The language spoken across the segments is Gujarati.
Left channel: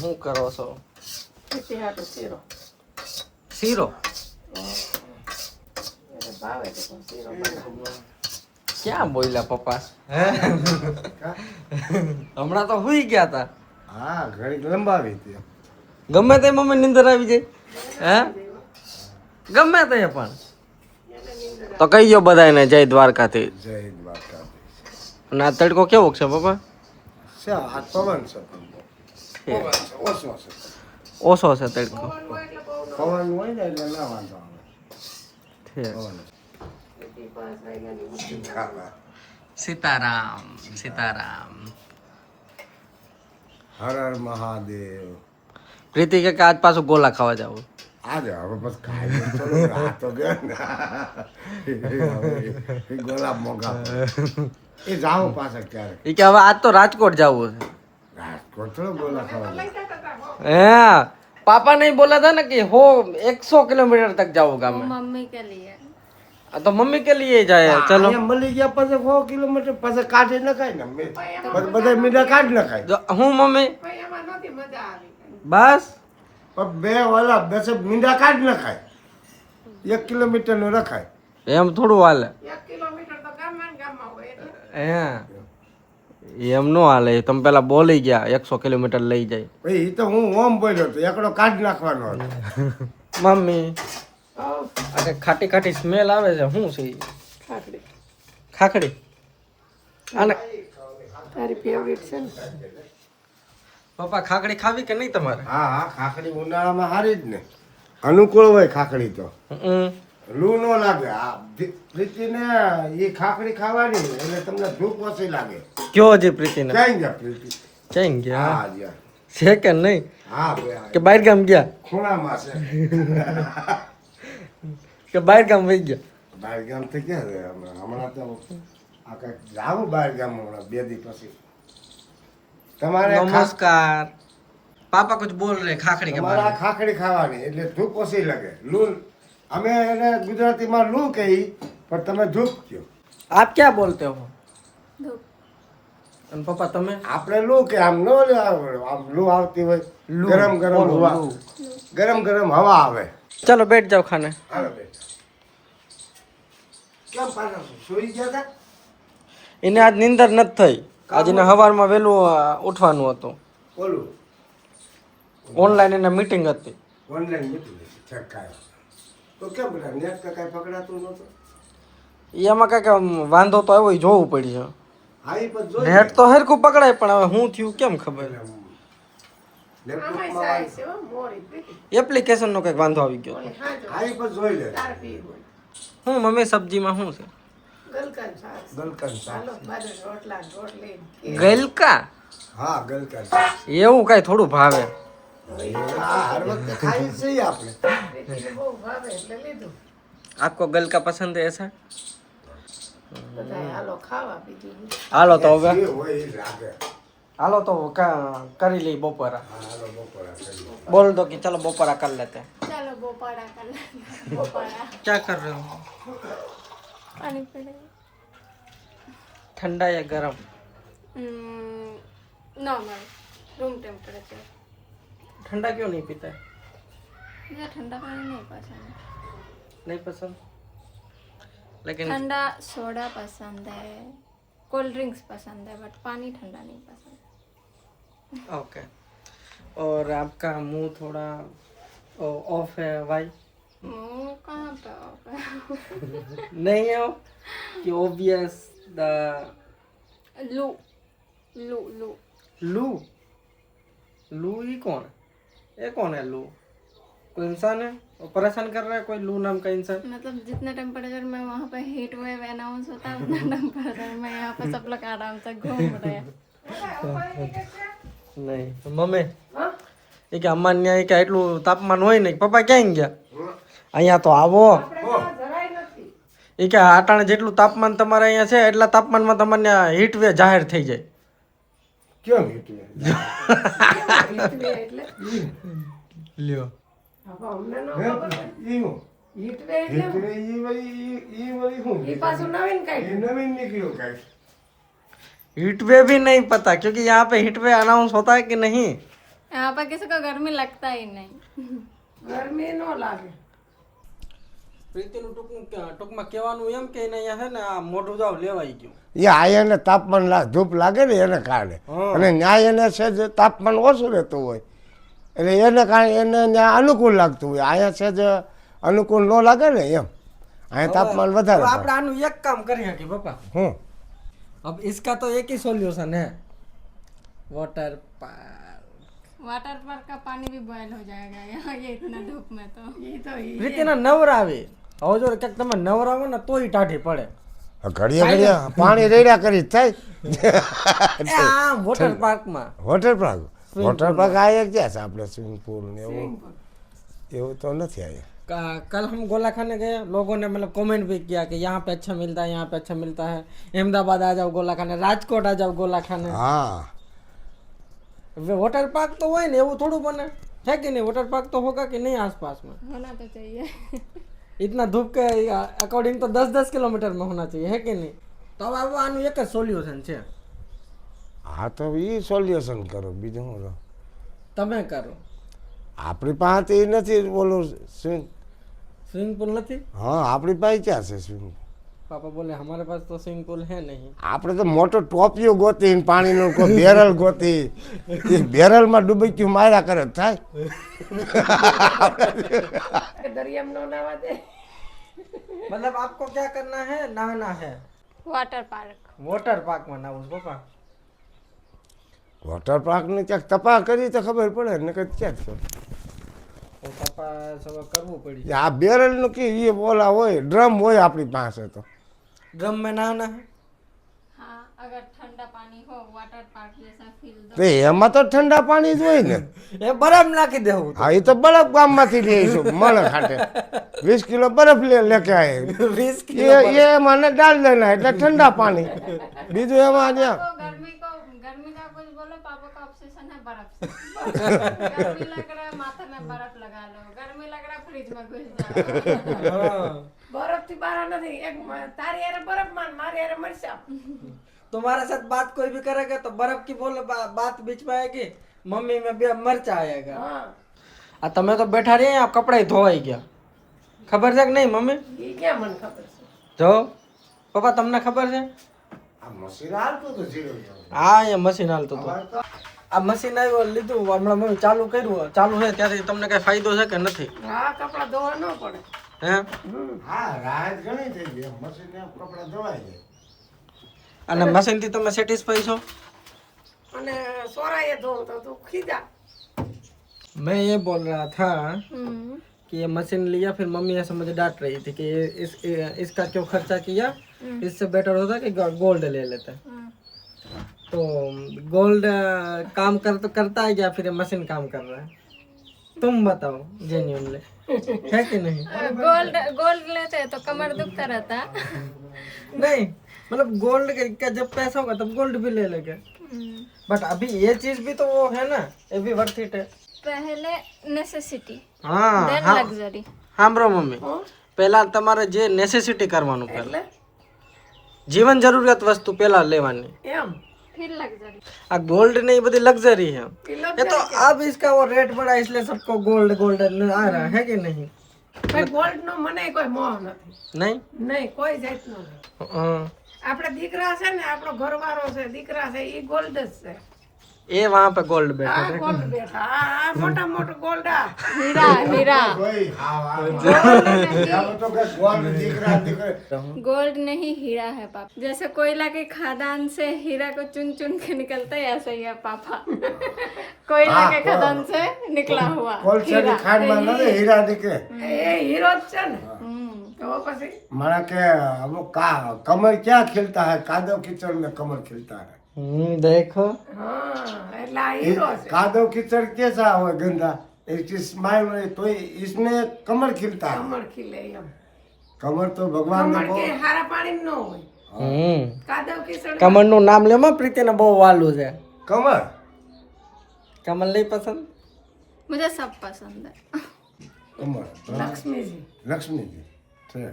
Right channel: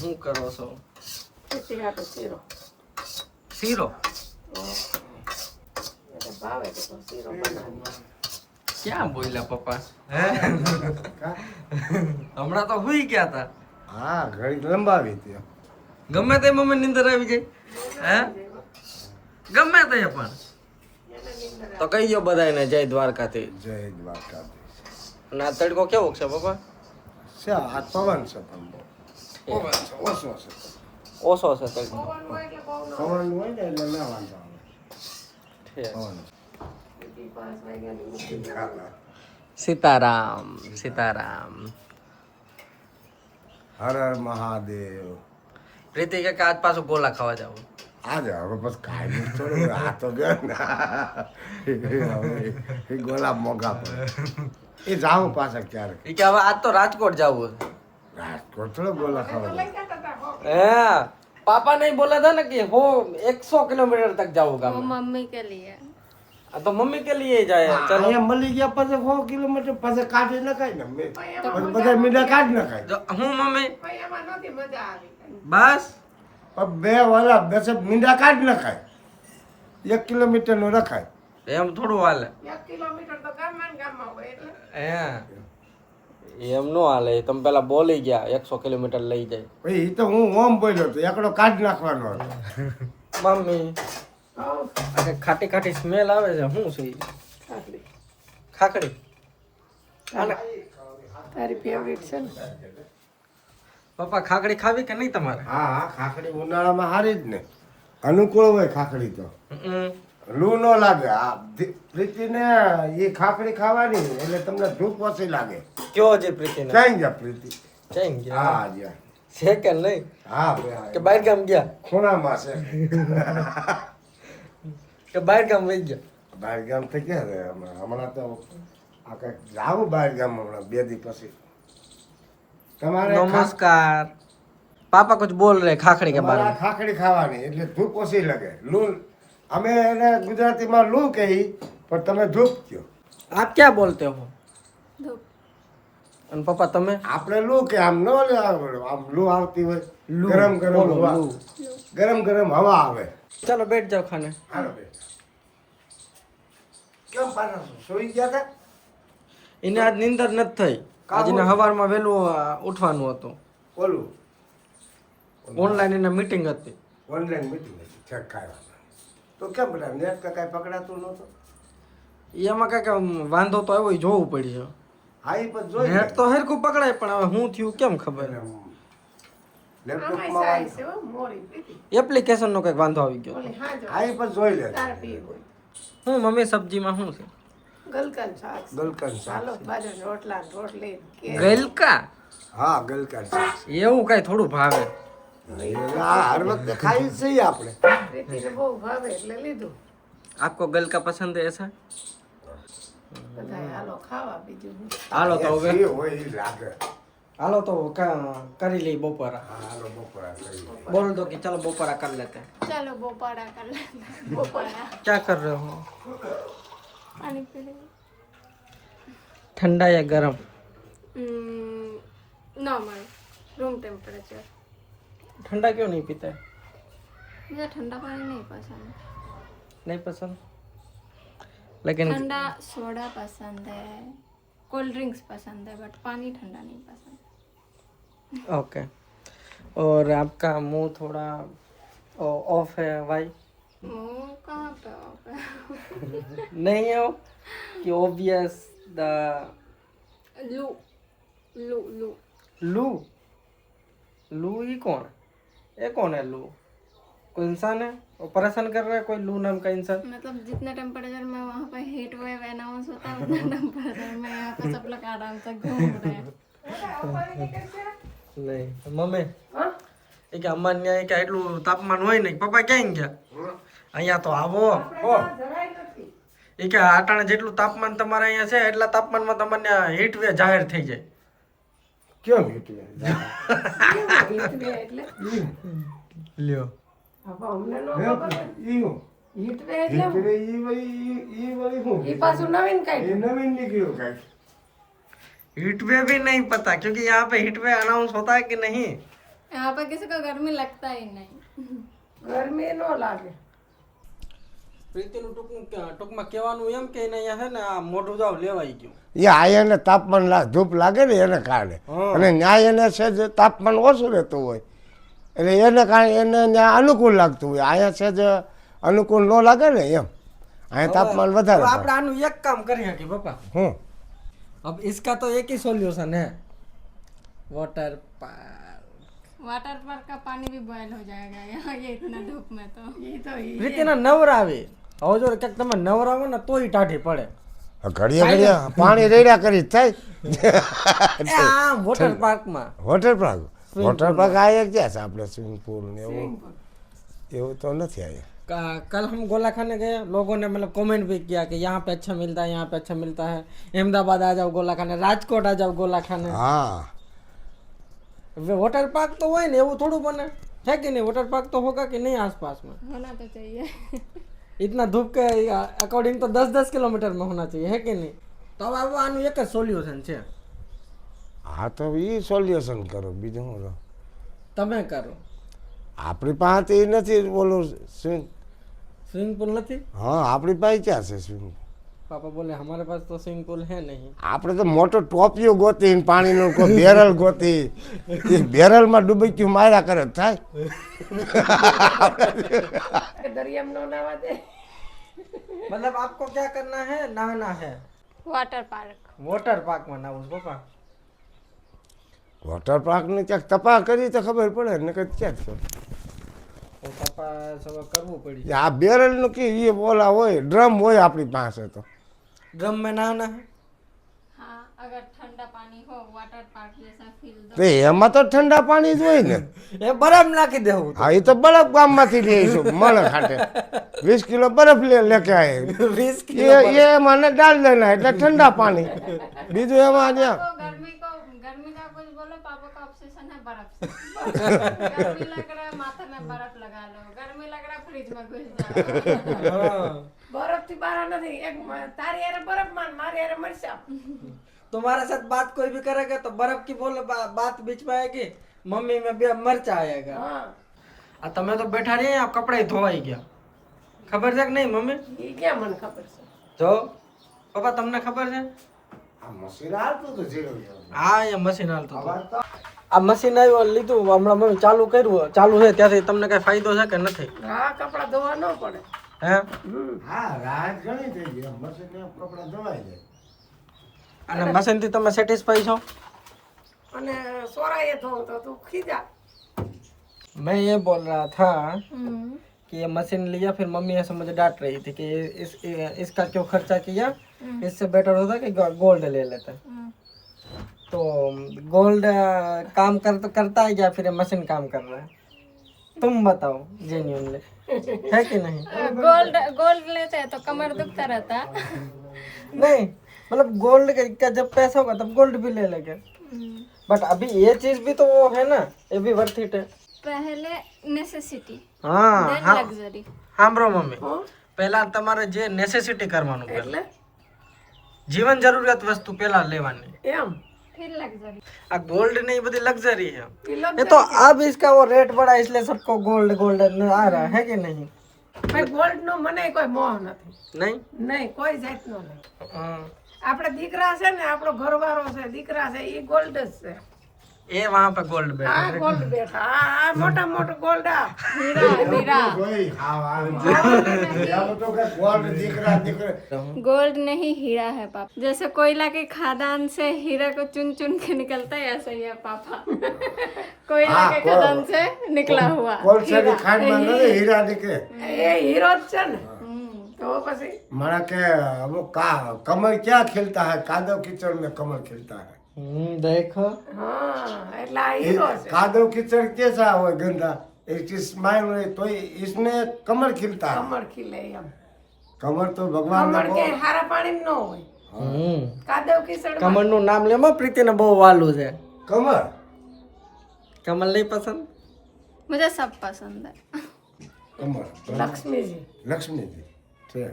શું કરો છો? ખેતી હાટો શીરો શીરો એને ભાવે તો શીરો બનાવો. ક્યાં બોલ્યા પપ્પા? હમણાં તો હુઈ ગયા તા. હા ઘડી લંબાવી હતી. ગમે તે મમ્મી નીંદર આવી જાય હે ગમે તે પણ તો કહી દો બધાને જય દ્વારકાથી. જય દ્વારકાધીશ. અને આ તડકો કેવો છે પપ્પા? છે આ પવન છે પણ બહુ. પવન છે ઓછો છે. ઓછો છે તડકો. પવન હોય ને એટલે ના વાંધો આવે. ઠીક. પવન સીતારામ સીતારામ. હર હર મહાદેવ. પ્રીતિ કે આજ પાછું ગોલા ખાવા જાવ. આજે હવે બસ કાંઈ નહીં થોડું આ તો ગયો ને એ ગોલાબ મોંઘા પડે એ જાઓ પાછા ક્યારેક. એ કે હવે આજ તો રાજકોટ જવું છે. રાજકોટ થોડો ગોલા ખાવા જાય. હે पापा नहीं बोला था ना कि हो 100 किलोमीटर तक जाऊंगा वो मैं। मम्मी के लिए तो मम्मी के लिए जाए चलो. અહીંયા મળી ગયા પછી 100 કિલોમીટર પછી કાઢી નખાય ને બધા મીઠા કાઢી નખાય. હું મમ્મી ભાઈ એમાં નથી મજા આવી. બસ પણ બે ઓલા 10 મીંડા કાઢી નખાય 1 કિલોમીટર નું રખાય. એમ થોડું હાલે. 1 કિલોમીટર તો ગામમાં ને ગામમાં હોય એટલે એમ નો હાલે. તમે પેલા બોલી ગયા 100 કિલોમીટર લઈ જાય. ભાઈ એ તો હું ઓમ બોલ્યો તો એકડો કાઢી નાખવાનો હતો. મમ્મી આ ખાટી ખાટી સ્મેલ આવે છે શું છે ઈ? ખાખડી ખાખડી અને તારી ફેવરિટ છે ને. પપ્પા ખાખડી ખાવી કે નહીં તમારે? હા હા ખાખડી ઉનાળામાં સારી જ ને અનુકૂળ હોય ખાખડી તો લૂ ન લાગે. આ પ્રીતિને એ ખાખડી ખાવાની એટલે તમને ધૂપ ઓછી લાગે. કયો હજી પ્રીતિને? ક્યાં ગયા પ્રીતિ? ચઈ ગયા હા ગયા. છે કે નહીં હા કે બહાર ગામ ગયા ખૂણામાં છે. કે બહાર ગામ વહી ગયા? બહાર ગામ થઈ ગયા છે હમણાં તો આ કંઈક જાવું બહાર ગામ હમણાં 2 દી પછી. તમારે नमस्कार पापा कुछ बोल रहे खाखड़ी के बारे તમારે में. ખાખડી ખાવાની એટલે ધૂપ ઓછી લાગે. લૂ અમે એને ગુજરાતીમાં લૂ કહી પણ તમે ધૂપ કહો. आप क्या बोलते हो? धूप અને પપ્પા તમે? આપણે લૂ કે આમ નો આમ લૂ આવતી હોય લૂ. ગરમ ગરમ બોલો, હવા લૂ. ગરમ ગરમ હવા આવે. चलो बैठ जाओ खाने. હાલો બેન. કેમ પાછા સૂઈ ગયા હતા? એને આજ નીંદર નથી થઈ. આજે ને સવારમાં વહેલું ઉઠવાનું હતું. ઓલું ઓનલાઈન એને મીટિંગ હતી. ઓનલાઈન મીટિંગ ચેક ખાયો તો કેમ બધા નેટ કે કાંઈ પકડાતું નહોતું? એમાં કઈક વાંધો તો આવ્યો ઈ જોવું પડશે. હા એ પણ જોઈ નેટ તો હરખું પકડાય પણ હવે હું થયું કેમ ખબર. આમાંય સાઈ છે હો મોરી પ્રીતિ. એપ્લિકેશન નો કઈક વાંધો આવી ગયો. ઓલી હાજો હા એ પણ જોઈ લે. તાર પી હોય હું મમ્મી સબ્જીમાં શું છે? ગલકન શાક છે. ગલકન શાક. હાલો બાજુ રોટલા ને રોટલી કે ગલકા હા ગલકન શાક. એવું કઈ થોડું ભાવે. હા હર વખતે ખાઈ છીએ આપણે. પ્રીતિને બહુ ભાવે એટલે લીધું. આપકો ગલકા પસંદ है ऐसा? બધા હાલો ખાવા બીજું હું. હાલો તો હવે જે હોય એ લાગે. હાલો તો કરી લઈ બપોરા. હા હાલો બપોરા કરી. बोल दो कि चलो बपोरा कर लेते हैं. चलो बोपाड़ा कर लेना बोपाड़ा क्या कर रहे हो? पानी पी रही ठंडा या गर्म? नॉर्मल रूम टेम्परेचर ठंडा क्यों नहीं पीता? मुझे ठंडा पानी नहीं पसंद नहीं पसंद. लेकिन ठंडा सोडा पसंद है कोल्ड ड्रिंक्स पसंद है बट पानी ठंडा नहीं पसंद. ओके. और आपका मुंह थोड़ा ऑफ है वाई? मुंह कहाँ पे होगा? नहीं है वो कि ऑब्वियस द लू लू लू लू. लू ही कौन है? ये कौन है लू? कोई इंसान है ऑपरेशन कर रहा है कोई लू नाम का इंसान? मतलब जितने टेम्परेचर में वहाँ पे हीट वेव अनाउंस होता है उतना टेम्परेचर में यहाँ पे सब लोग आराम से घूम रहे हैं. नहीं मम्मी હા એ કે અમારે કે એટલું તાપમાન હોય ને પપ્પા ક્યાં ગયા? અહીંયા તો આવો. જરાય નથી. એ કે આટાણે જેટલું તાપમાન તમારે અહીંયા છે એટલા તાપમાનમાં તમને હીટ વેવ જાહેર થઈ જાય. કેમ એટલે હીટ વે એટલે લ્યો હવે અમને ન હે ખબર હોય. ઈયું હીટ વે એટલે એટલે ઈ વળી શું ઈ પાછું નવીન એ કાઢ્યું. નવીન નીકળ્યું કાંઈક. हीट वेव भी नहीं पता क्योंकि यहाँ पे हीट वेव अनाउंस होता है कि नहीं? यहाँ पर किसी को गर्मी लगता ही नहीं। ગરમી ન લાગે. પ્રીતિનું ટૂંકમાં કહેવાનું એમ કે એને અહીંયા છે ને આ મોઢું જાવ લેવાઈ ગયું. એ આયને તાપમાન ધૂપ લાગે ને એને કારણે, અને ન્યાય એને છે જે તાપમાન ઓછું રહેતું હોય એટલે એને કારણે એને ત્યાં અનુકૂળ લાગતું હોય. અહીંયા છે જે અનુકૂળ ન લાગે ને એમ, અહીંયા તાપમાન વધારે હવે થાય. આપણે આનું એક કામ કરી શકીએ પપ્પા. હું अब इसका तो एक ही सॉल्यूशन है, वाटर पार्क. वाटर पार्क का पानी भी बॉयल हो जाएगा यहाँ ये इतना धूप में तो। ઈ તો ઈ પ્રીતિના નવરાવે હવે જો ક્યાંક તમે નવરાવો ને તોય ટાઢી પડે. ઘડીએ ઘડીએ પાણી રેડ્યા કરી જ થાય. એ આ વોટર પાર્કમાં વોટર પાર્ક આ એક ક્યાં છે આપણે સ્વિમિંગ પુલ ને એવું તો નથી અહીંયા. कल हम गोला खाने गए, लोगों ने मतलब कमेंट भी किया कि यहाँ पे अच्छा मिलता है, यहाँ पे अच्छा मिलता है, अहमदाबाद आ जाओ गोला खाने, राजकोट आ जाओ गोला खाने. हाँ वाटर पार्क तो હોય ને એવું થોડું બને है कि नहीं? वाटर पार्क तो होगा कि नहीं आसपास में? होना तो चाहिए। इतना धूप के अकॉर्डिंग तो 10-10 किलोमीटर में होना चाहिए है कि नहीं? तो अब આનું એક જ સોલ્યુશન છે. હા તો એ સોલ્યુશન કરો, બીજું શું કરો? તમે કરો. આપણી પાસે તો એ નથી બોલું स्विमिंग पूल નથી? હા આપણી પાસે ક્યાં છે સ્વિમિંગ? पापा बोले हमारे पास तो स्विमिंग पूल है नहीं. આપણે તો મોટો ટોપિયો ગોતી પાણીનો કોઈ બેરલ ગોતી એ બેરલમાં ડૂબકી માર્યા કરે જ થાય. દરિયામાં ન નાવા દે. मतलब आपको क्या करना है? नहाना है वाटर पार्क। वाटर पार्क में नहाવું છે પપ્પા. વોટર પાર્કની ક્યાંક તપાસ કરી તો ખબર પડે ને કે ક્યાં છે. તો તપાસ હવે કરવું પડી. આ બેરલનું કે એ બોલા હોય ડ્રમ હોય આપણી પાસે તો ड्रम में नहाना है. हाँ अगर ठंडा पानी हो वाटर पार्क जैसा फील दो। તો એમાં તો ઠંડા પાણી જ હોય ને. એ બરફ નાખી દેવું. હા એ તો બરફ ગામમાંથી લઈશું મળે ખાતે 20 કિલો બરફ લેકે આયે 20 કિલો ये મને डाल देना એટલે ઠંડા પાણી બીજું એમાં ત્યાં तो गर्मी का कुछ बोलो पापा का ऑब्सेशन है बर्फ से। गर्मी लग रहा है माथे में बर्फ लगा लो, गर्मी लग रहा है फ्रिज में घुस जाओ। બરફથી બહાર નથી. એક તારી હારે બરફ માન, મારી હારે મરચા. तुम्हारे साथ बात कोई भी करेगा तो बर्फ की बोलो बात बीच में आएगी, मम्मी में भी मरचा आएगा. હા आ તમે તો બેઠા રહ્યા આ કપડાય ધોવાઈ ગયા. ખબર છે કે નહીં મમ્મી? ઈ ક્યાં મને ખબર છે. જો પપ્પા તમને ખબર છે? આ મશીન હાલતું તો જીરું હા અહીંયા મશીન હાલતું હતું. આ મશીન આવ્યું લીધું હમણાં મમ્મી ચાલુ કર્યું, ચાલુ છે ત્યાંથી તમને કઈ ફાયદો છે કે નથી? હા કપડાં ધોવા ન પડે. હે હા રાહત ઘણી થઈ ગઈ મશીન ને કપડા ધોવાઈ જાય. અને મશીન થી તમે સેટિસ્ફાઈ છો? અને સોરાએ ધોવું તો તું ખીજા. मैं ये बोल रहा था कि ये मशीन लिया फिर मम्मी ऐसे मुझे डांट रही थी कि इसका क्यों खर्चा किया, इससे बेटर होता कि गोल्ड ले लेते. तो गोल्ड काम करता है क्या फिर ये मशीन काम कर रहा है? तुम बताओ जेन्युइनली है कि नहीं? गोल्ड लेते हैं तो कमर दुखता रहता। नहीं मतलब गोल्ड का जब पैसा होगा तब गोल्ड भी ले लेंगे, बट अभी ये चीज भी तो वो है ना, ये भी वर्थ इट है. पहले नेसेसिटी हाँ देन हाँ लग्जरी। સાંભળો મમ્મી, પહેલા તમારે જે નેસેસિટી કરવાનું પહેલા એટલે જીવન જરૂરિયાત વસ્તુ પહેલા લેવાની, એમ फिर लग्जरी। આ ગોલ્ડ ને ये बड़ी लग्जरी है. તિલક ये तो अब इसका वो रेट बढ़ा इसलिए सबको गोल्ड गोल्ड आ रहा है कि नहीं? ભાઈ ગોલ્ડ નો મને કોઈ મોહ નથી. नहीं નહીં કોઈ જાતનો નહીં. हाँ. આપણે દીકરા છે ને, આપણો ઘરવાળો છે, દીકરા છે, ઈ ગોલ્ડ જ છે. ये वहाँ पे गोल्ड बैठा આ ગોલ્ડ બેઠા, આ મોટા મોટો ગોલ્ડ આ हीरा हीरा કોઈ હા તો કે ગોલ્ડ દીકરા દીકરા गोल्ड नहीं हीरा है पापा। जैसे कोयला के खदान से हीरा को चुन चुन के निकलता है ऐसे ही है पापा। कोयला के खदान से निकला हुआ કોલસેની ખાંડમાં નથી હીરા દીકરે. એ હીરો જ છે ને. તો પછી મારા કે અમુક કમળ ક્યાં ખिलता है, कादव कीचड़ में कमल खिलता है. देखो હા એટલે આ હીરો છે. कादव कीचड़ कैसा हो गंदा, एक स्माइल में तो इसमें कमल खिलता है. કમળ ખીલે એમ. कमल तो भगवान ने કમળ કે હારા પાણી ન હોય. કાદવ કિચડ કમળ નું નામ લેમાં પ્રીતિ ને બહુ વાલું છે. कमल કમલ નહીં પસંદ? मुझे सब पसंद है। कमल લક્ષ્મીજી लक्ष्मीजी છે.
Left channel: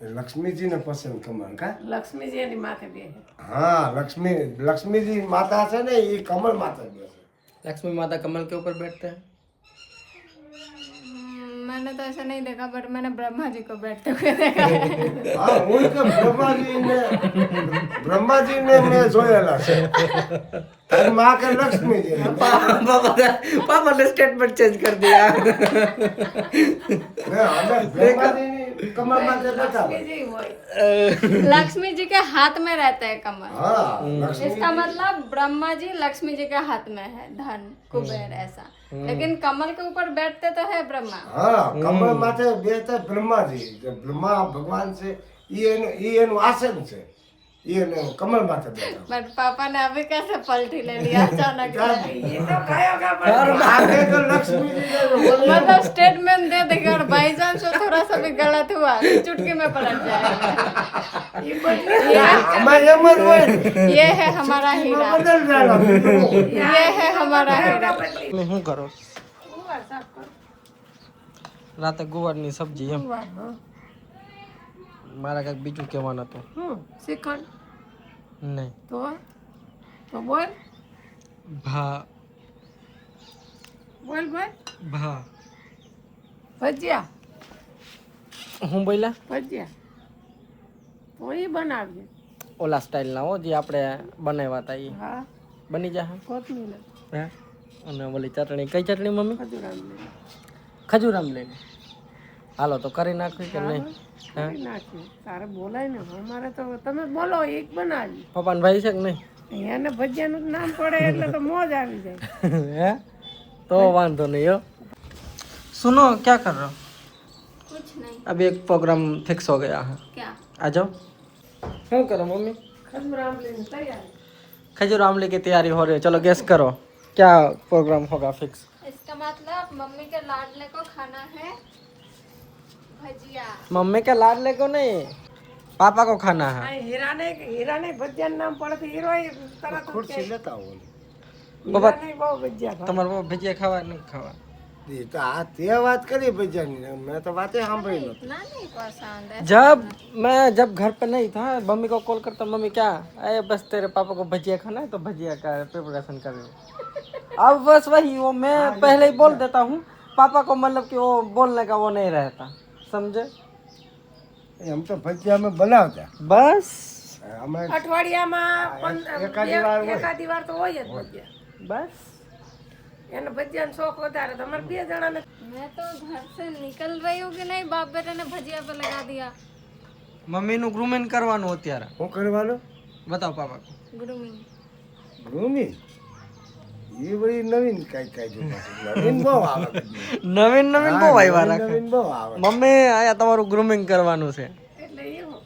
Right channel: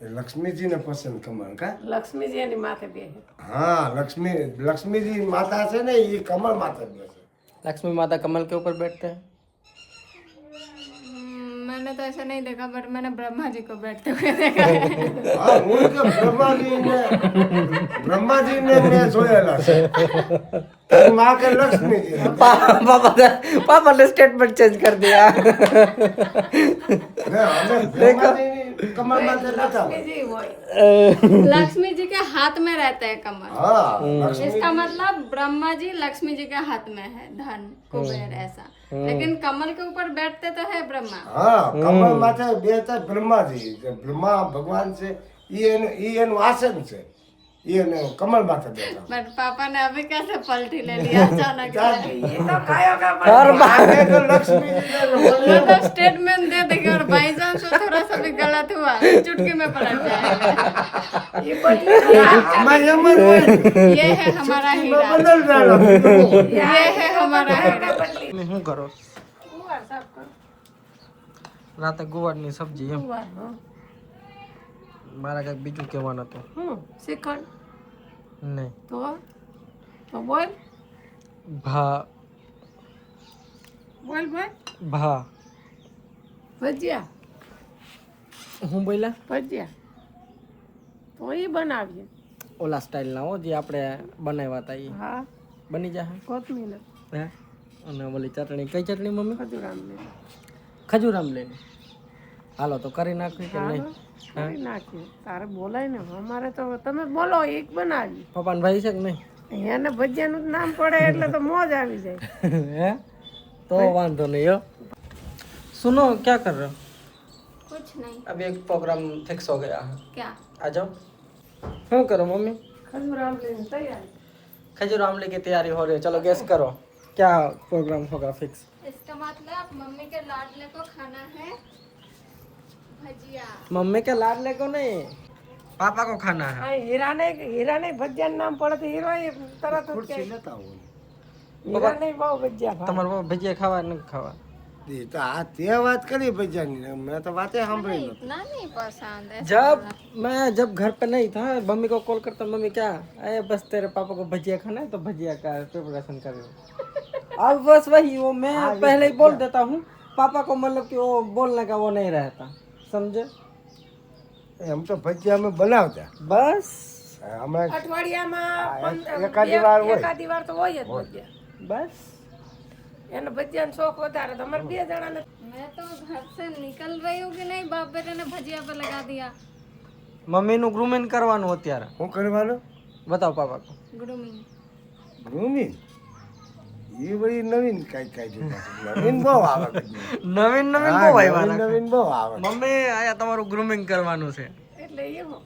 लक्ष्मीजी ने पसंद कमल का. લક્ષ્મીજી એની માથે બેસે. हाँ लक्ष्मीजी माता से ने ये कमल माता बेसे. लक्ष्मी माता कमल के ऊपर बैठते हैं। मैंने तो ऐसा नहीं देखा, बट मैंने ब्रह्मा जी को बैठते हुए देखा है। હા હું કે બ્રહ્માજીને મેં જોયેલા છે તારી માં કે લક્ષ્મીજી पापा ने स्टेटमेंट चेंज कर दिया। અમે બ્રહ્માજીની કમર માથે બેઠા હોય जी वही लक्ष्मी जी के हाथ में रहता है कमल। હા લક્ષ્મી इसका मतलब ब्रह्मा जी लक्ष्मी जी के हाथ में है धन कुबेर ऐसा, लेकिन कमल के ऊपर बैठते तो है ब्रह्मा। હા કમર માથે બેઠા બ્રહ્માજી બ્રહ્મા ભગવાન છે ઈ એનું આસન છે ઈ એને કમર માથે બેઠા बट पापा ने अभी कैसे पलटी ले लिया अचानक से? ये तो खाएगा આગે તો લક્ષ્મીજી ને બોલે मतलब स्टेटमेंट दे देंगे और भाईजान से थोड़ा सा भी गलत हुआ तो चुटकी में पलट जाएगा। આમાં એમ જ હોય ये है हमारा हीरा, બદલવાના ये है हमारा हीरा। मैं हूँ करो गुवार साफ कर रात गुवार ની સબ્જી એમ गुवार हाँ મારા કઈક બીજું કહેવાનું હતું श्रीखंड નહીં तो बोल ભા बोल बोल ભા भजिया હું બોલ્યા भजिया तो ये बनाविए ઓલા સ્ટાઇલ ના હો જે આપણે બનાવ્યા હતા એ हाँ બની જશે कोथमीर હે અને ઓલી ચટણી કઈ ચટણી મમ્મી खजूराम ले ખજૂરામ લઈને હાલો તો કરી નાખ્યું કે નહીં કરી નાખીએ તારે બોલાય ને અમારે તો તમે બોલો એક બનાવી પપ્પાને ભાઈ છે કે નહીં એને ભજીયાનું જ નામ પડે એટલે તો મોજ આવી જાય है तो वांधो नहीं हो। सुनो क्या कर रहे हो? कुछ नहीं। अभी एक प्रोग्राम फिक्स हो गया है, क्या? आ जाओ। क्यों करो मम्मी? खजूराम लेने तैयार खजूर आमले की तैयारी हो रही है, चलो गेस करो क्या प्रोग्राम होगा फिक्स। इसका मतलब मम्मी के लाडले को खाना है भजिया। मम्मी के लाडले को नहीं, पापा को खाना है। हीराने भजिया नाम પડે તો હીરો તરત ખુરશી લેતા હોય હીરાને બહુ ભજીયા તમારે બાપા ભજીયા ખાવા નથી ખાવા? એ તો આ તે વાત કરી ભજીયાની મેં તો વાતે સાંભળી નહોતી इतना नहीं पसंद है। जब घर पे नहीं था मम्मी को कॉल करता, मम्मी क्या अरे बस तेरे पापा को भजिया खाना है तो भजिया का प्रिपरेशन कर रही हूँ। अब बस वही वो मैं पहले ही बोल देता हूँ, पापा को मतलब कि वो बोलने का वो नहीं रहता, समझे? એમ તો ભજીયા અમે બનાવતા बस હમણાં અઠવાડિયામાં એકાદી વાર તો હોય જ ભજીયા बस એને ભજીયાનો શોખ વધારે તમારે બે જણાને मैं तो घर से निकल रही हूँ कि नहीं, बाप बेटे ने भजिया पे लगा दिया। मम्मी નું ગ્રુમિંગ કરવાનું અત્યારે, શું કરવાનું बताओ पापा को। ग्रूमिंग ગ્રુમિંગ એ બધી નવીન કાંઈ જોતા નવીન બહુ આવે નવીન નવીન બહુ આવ્યા રાખે નવીન બહુ આવે મમ્મી આયા તમારું ગ્રુમિંગ કરવાનું છે। એટલે એવું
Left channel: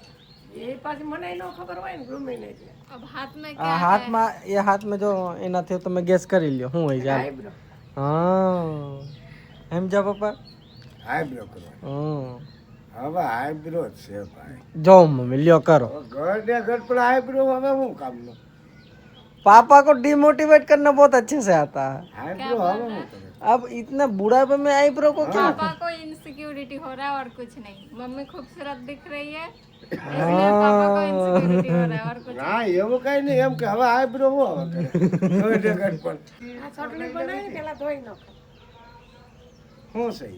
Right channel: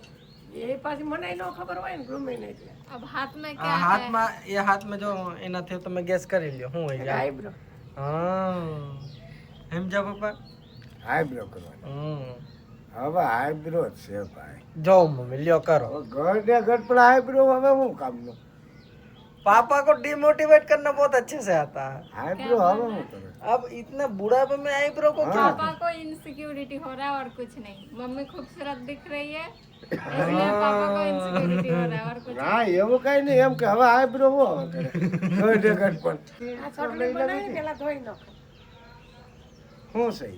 એ પાછી મને ન ખબર હોય ને ગમે ને એટલે अब हाथ में આ क्या है? હાથમાં એ હાથમાં જો એનાથી તમે ગેસ કરી લ્યો શું હોય જાય। આઈબ્રો હા એમ જા પપ્પા। આઈબ્રો કરવાનો હવે આઈબ્રો જ છે ભાઈ જો મમ્મી લ્યો કરો। ગઢે ગઢ પણ આઈબ્રો હવે શું કામનો पापा को डिमोटिवेट करना बहुत अच्छे से आता है। આઈબ્રો હવે શું કરે अब इतना बुढ़ापे में आईब्रो को क्या? पापा को इनसिक्योरिटी हो रहा है और कुछ नहीं। मम्मी खूबसूरत दिख रही है इसलिए पापा को इनसिक्योरिटी हो रहा है और कुछ ના એવું કઈ નહીં એમ કે હવે આઈબ્રો હું હવે કરે ગઢે ગઢ પણ આ ચટણી બનાવી પેલા ધોઈ નાખો શું સહી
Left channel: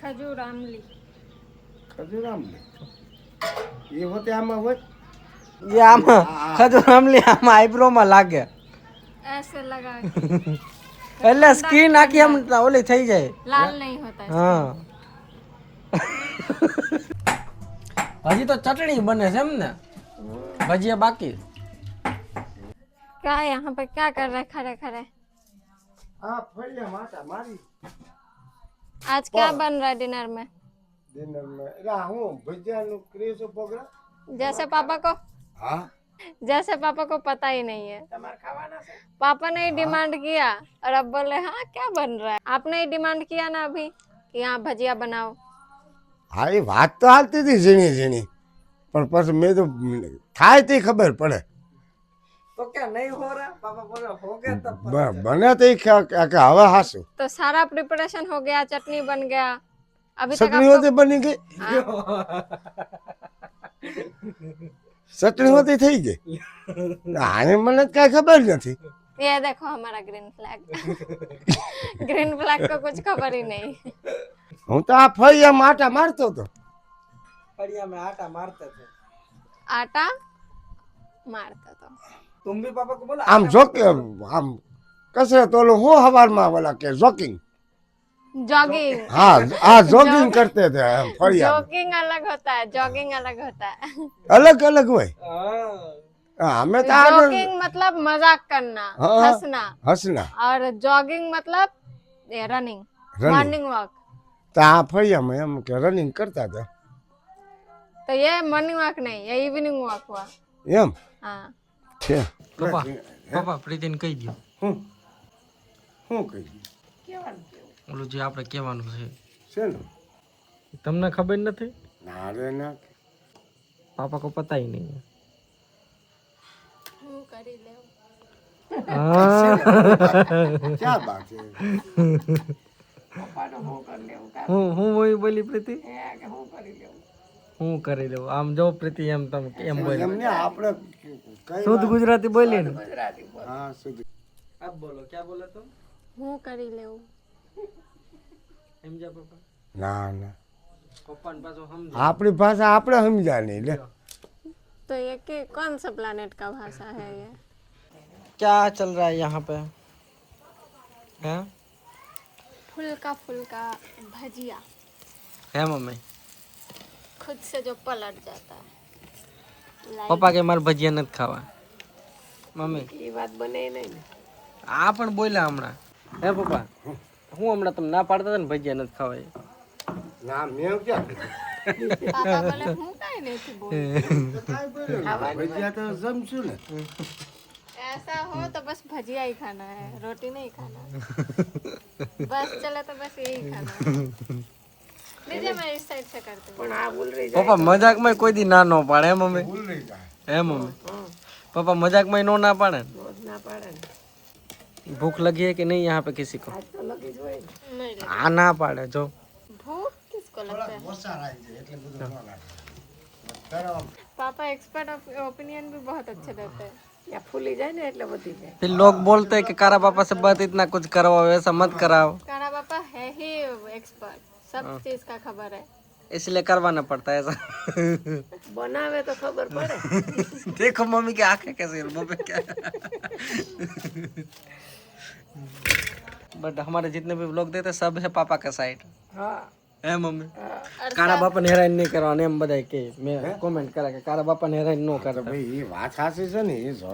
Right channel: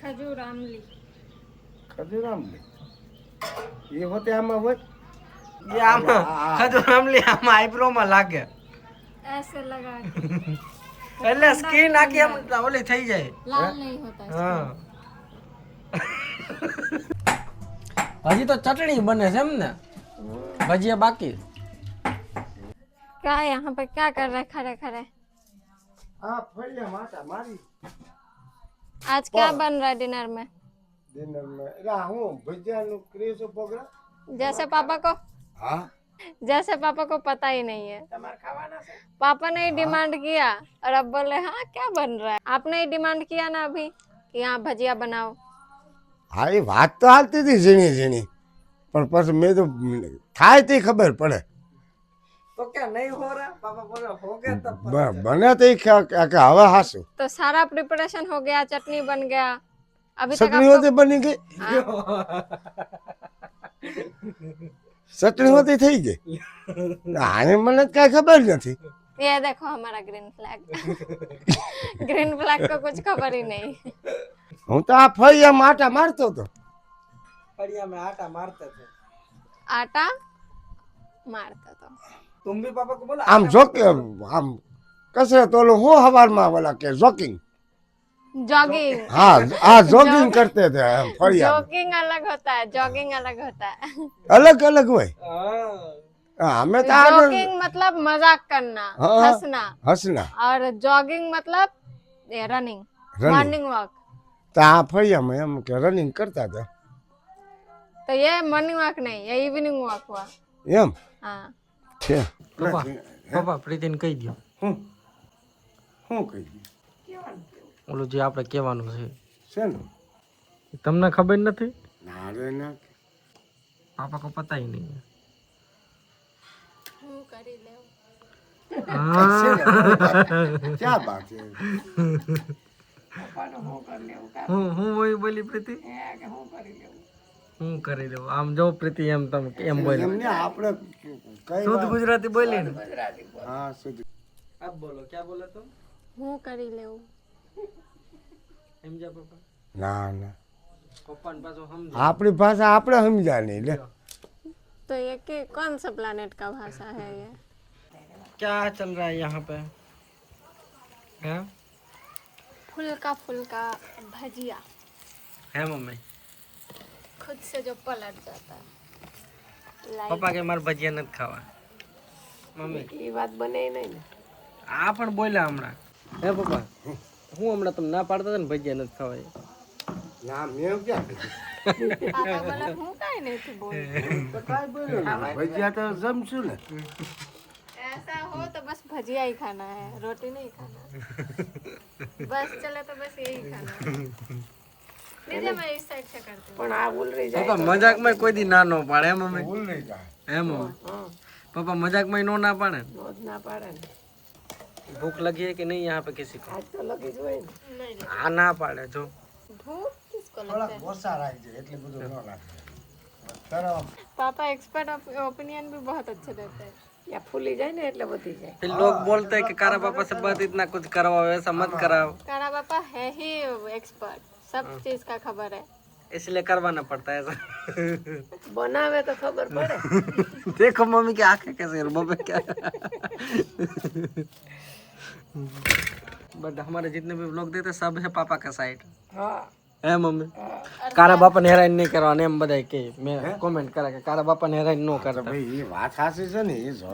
खजूर आमली। ખજૂરામ ને એ હોતે આમાં હોય ये आमा खजूर आमली आमा आईब्रो में लागे ऐसे लगा के। એટલે સ્કિન આખી આમ ઓલી થઈ જાય। लाल नहीं होता है। હા હજી તો ચટણી બને છે એમ ને, ભજીયા બાકી। क्या यहाँ पे क्या कर रहे खड़े खड़े? આ ફળિયા માતા મારી आज क्या बन रहा है डिनर में? ડિનરમાં એટલે હું ભજીયાનું ક્રેઝ પ્રોગ્રામ जैसे पापा को હા जैसे पापा को पता ही नहीं है। पापा ने ही डिमांड किया और अब बोले हाँ क्या बन रहा है। आपने ही डिमांड किया ना अभी कि यहाँ भजिया बनाओ। હા એ વાત તો હાલતી હતી ઝીણી ઝીણી પણ પછી મેં તો થાય તે ખબર પડે तो क्या नहीं हो रहा? पापा बोले हो गया तब બને તે કે હવે હાસું तो सारा प्रिपरेशन हो गया, चटनी बन गया। अभी तक ચટણી आपको હોતી બની ગઈ ચટણી હોતી થઈ ગઈ આને મને કાંઈ ખબર નથી ये देखो हमारा ग्रीन फ्लैग ग्रीन फ्लैग को कुछ खबर ही नहीं હું તો આ ફળિયામાં આટા મારતો હતો. बढ़िया में आटा मारते थे. आटा मारता तो तुम भी पापा को बोला આમ જોકે આમ કસરત ઓલું હું હવારમાં ઓલા કે જોકિંગ. जॉगिंग हाँ हाँ जॉगिंग करते थे हम फरिया जॉगिंग अलग होता है जॉगिंग अलग होता है अलग अलग हुए हमें तो जॉगिंग मतलब मजाक करना हाँ। हंसना हंसना और जॉगिंग मतलब रनिंग Running. मॉर्निंग वॉक तो आ फरिया में हम के रनिंग करता था तो ये मॉर्निंग वॉक नहीं ये इवनिंग वॉक हुआ एम हाँ છે पापा पापा પ્રીતિને કહી દો હું હું કહી ઓલું જે આપણે કહેવાનું છે છે ને તમને ખબર નથી ના રે ના पापा को पता ही नहीं है હું કરી લેવું क्या बात है પપ્પાનો હું કરી લેવું હું વહી બોલી પ્રીતિ કે હું કરી લેવું હું કરી લઉં આમ જો પ્રીતિ એમ તમે એમ બોલી એમને આપણે કઈ શુદ્ધ ગુજરાતી બોલી ને ગુજરાતી બોલ હા સુધી अब बोलो क्या बोला तुम હું કરી લેવું समझा पापा ના ના पप्पा ने पास हम આપણી ભાષા આપણે સમજા નહીં લે तो ये कि कौन सा प्लानेट का भाषा है ये क्या चल रहा है यहाँ पे हैं फुल्का भजिया है मम्मी खुद से जो पलट जाता है पप्पा के मारे भजिया નથી ખાવા મમ્મી એ વાત બને નહીં ને આ પણ બોલ્યા હમણાં હે પપ્પા હું હમણાં તમે ના પાડતા હતા ને ભજીયા નથી ખાવા એ. ના મેં ક્યાં पापा बोले हूँ काहे नहीं थी बोल ભજીયા તો જમશું ને ऐसा हो तो बस भजिया ही खाना है रोटी नहीं खाना बस चले तो बस यही खाना है दीदी मैं इस साइड से करती हूँ પણ આ ઉલરી જાય પપ્પા મજાકમાં કોઈ દી ના ન પાડે હે મમ્મી હે મમ્મી પપ્પા મજાકમાં નો ના પાડે રોજ ના પાડે ને भूख लगी है कि नहीं यहाँ पे किसी को તો લગી જ હોય ને नहीं आ ना पाड़े जो भूख किसको लगता है ઓછા રાખજે એટલે બધું ન લાગે पापा एक्सपर्ट ओपिनियन भी बहुत अच्छे देते हैं ત્યાં ફૂલી જાય ને એટલે વધી જાય फिर लोग बोलते हैं कि कारा पापा से बात इतना कुछ करो ऐसा मत कराओ कारा पापा है ही एक्सपर्ट सब चीज का खबर है इसलिए करवाना पड़ता है ऐसा બનાવે તો ખબર પડે देखो मम्मी की आंखें कैसे हैं, मम्मी क्या बट हमारे जितने भी लोग देते सब है पापा का साइड હા है मम्मी कारा बापा ने हैरान नहीं करवाने एम बधाई के मैं कमेंट करा के कारा बापा ने हैरान नो करता ભાઈ એ વાત સાચી છે ને એ જો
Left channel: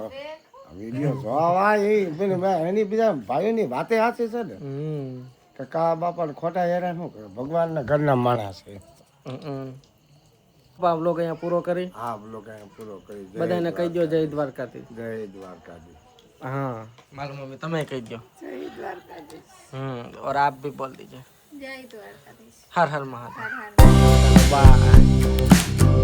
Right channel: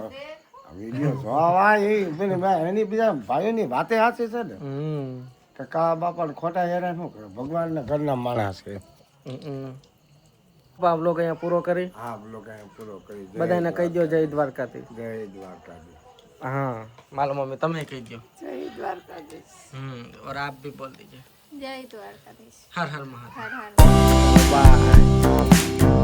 વિડીયો જોવા એ એની બીજા ભાઈઓની વાતે સાચી છે ને કે કા બાપાને ખોટા હેરાન શું કરે ભગવાનના ઘરના માણસ છે आप लोग यहाँ पूरा करी હા લોકો અહીંયા પૂરો કરી बधाई कही दो जय द्वारकाधी જય દ્વારકાધી हाँ मालूम मम्मी तमें कही दो જય દ્વારકાધીશ और आप भी बोल दीजिए जय द्वारकाधीश हर हर महादेव हर हर बाय